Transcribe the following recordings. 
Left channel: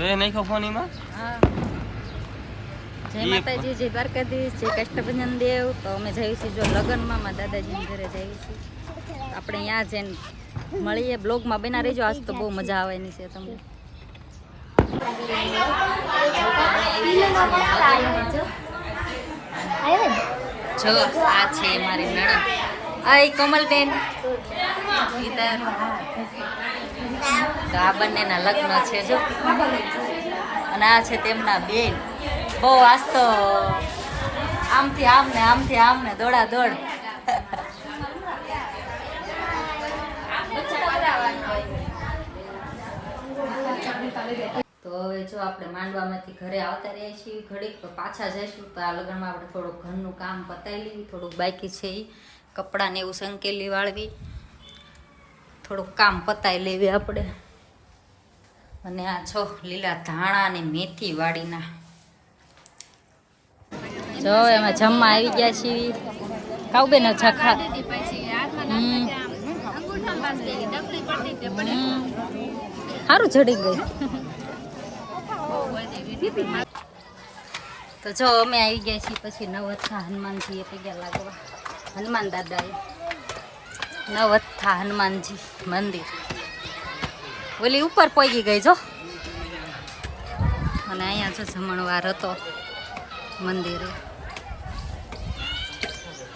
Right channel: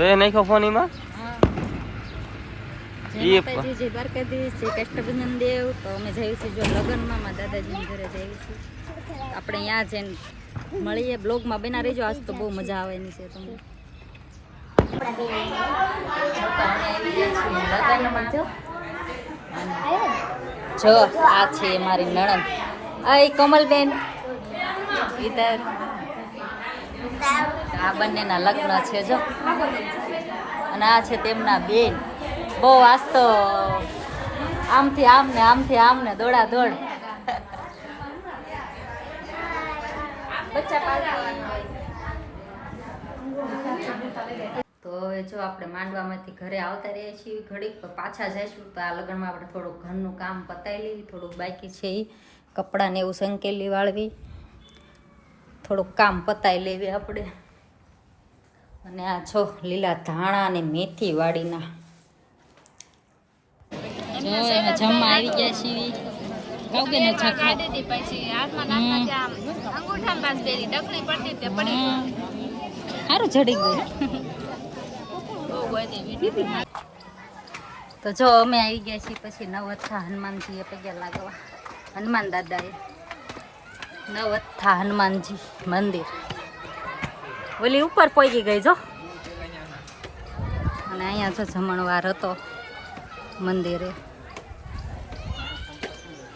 તો એ નાખ્યો ફોન એમાં? જય માતાજી જય દ્વારકાધીશ જય કષ્ટભંજન દેવ તો અમે જઈએ છીએ જો લગ્નમાં મારા દાદાજીના ઘરે જઈએ છીએ. આપણે અહીંયા જઈને મળીએ. બ્લોગમાં બના રહેજો. આજ તો બહુ મજા આવવાની છે તમને. જો આ છે મારી નણંદ. આય કોમલબેન. ઈધર તો આ બંનેના લગ્ન છે જો. અને આ છે તેમના બેન. બહુ આજ તો આમથી આમ ને આમથી આમ ને દોડા દોડ તો હવે જો આપણે માંડવામાંથી ઘરે આવતા રહીએ છીએ ઘડીક પાછા જઈશું તો આ લગ્નમાં આપણે થોડુંક ઘરનું કામ પતાવી લેવી થોડુંક બાકી છે કપડાને એવું સંકેલી વાળવી. થોડુંક કામ પતાવી લેવી આપણે. અને આ છો લીલા ધાણા અને મેથી વાડીના. જો એમાં જમવા આવી ગયા છીએ. કાઉ બેન છખા સારું ચડી ગયું. તો જો અમે આવી ગયા છીએ પછી નવથા હનુમાનજીએ પગ્યા લાગવા. હનુમાન દાદાએ. નવથા હનુમાનજી મંદિર. ઓલી ઉપર પોગી ગઈ જો. અને અહીંયા જો જમણવાર હતો મંદિરે.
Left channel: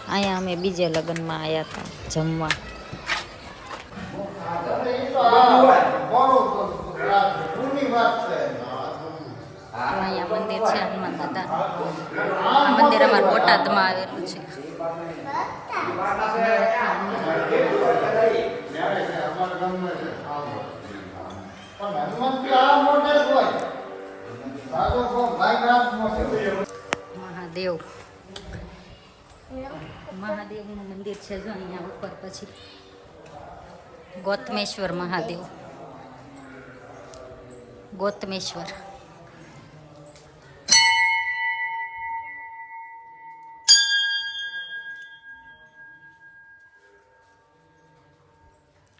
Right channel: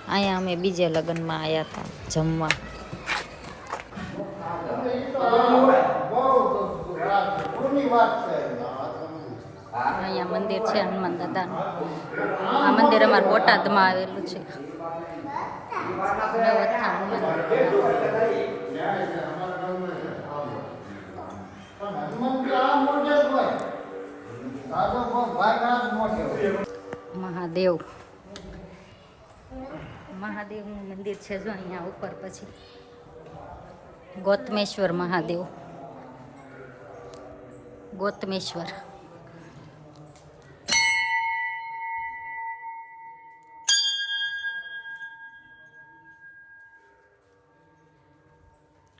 અહીંયા અમે બીજે લગ્નમાં આવ્યા હતા જમવા. અહીંયા મંદિર છે હનુમાન દાદાનું. આ મંદિર અમારા બોટાદમાં આવેલું છે. મહાદેવ. મહાદેવનું મંદિર છે જો અહીંયા ઉપર પછી. ગૌતમેશ્વર મહાદેવ. ગૌતમેશ્વર.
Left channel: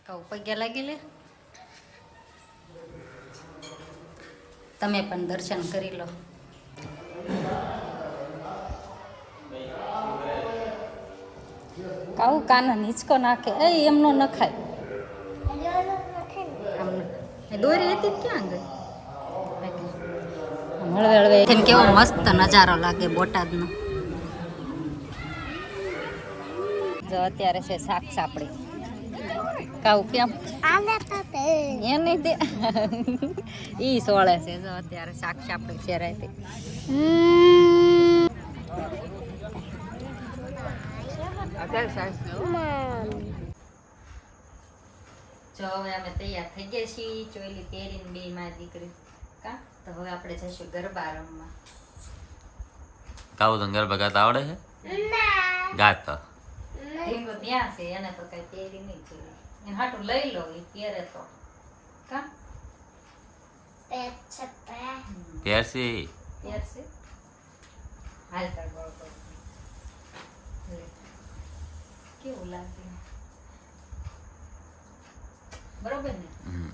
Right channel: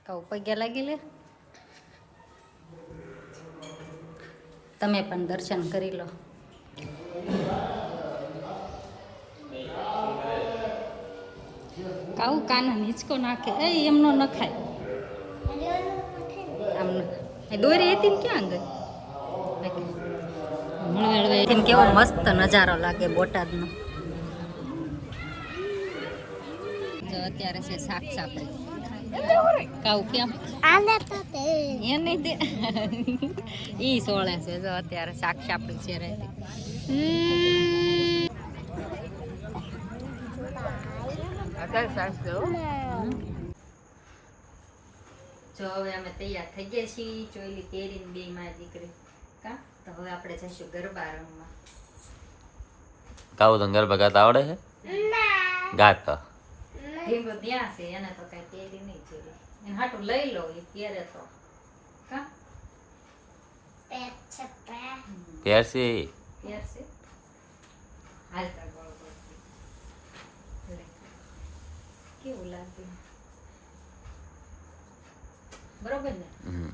કહું પગ્યા લાગી લે તમે પણ દર્શન કરી લો. કાઉ કાના નીચકો નાખે? એ એમનો ન ખાય દોરી હતી ને ક્યાં ગઈ હળવે હળવે. એને કેવો મસ્ત નજારો લાગે બોટાદનો. જો અત્યારે છે શાક સાપડી કાવું કેમ? એ નહીં ઈ સોળે છે જો અત્યારે શાક સાપડી છે રાતે જો હવે અમે તૈયાર થઈ ગયા છીએ ચોયલી પહેરીને બે મારી દીકરી. કા? તો હવે આપણે જઈશું ગરબા રમવા. કાવું તને ગરબા ગાતા આવડે છે? ગાતા? ઢીંગો ત્યાં છે એને તો કઈ પહેરી નહીં જોઈએ. એને હાટું લઈ લો એ પહેરે તો. કા? પહેરશે પહેરશે હાલતા ગોળ ગોળ કેવું લાગ્યું? બરોબર ને? હમ.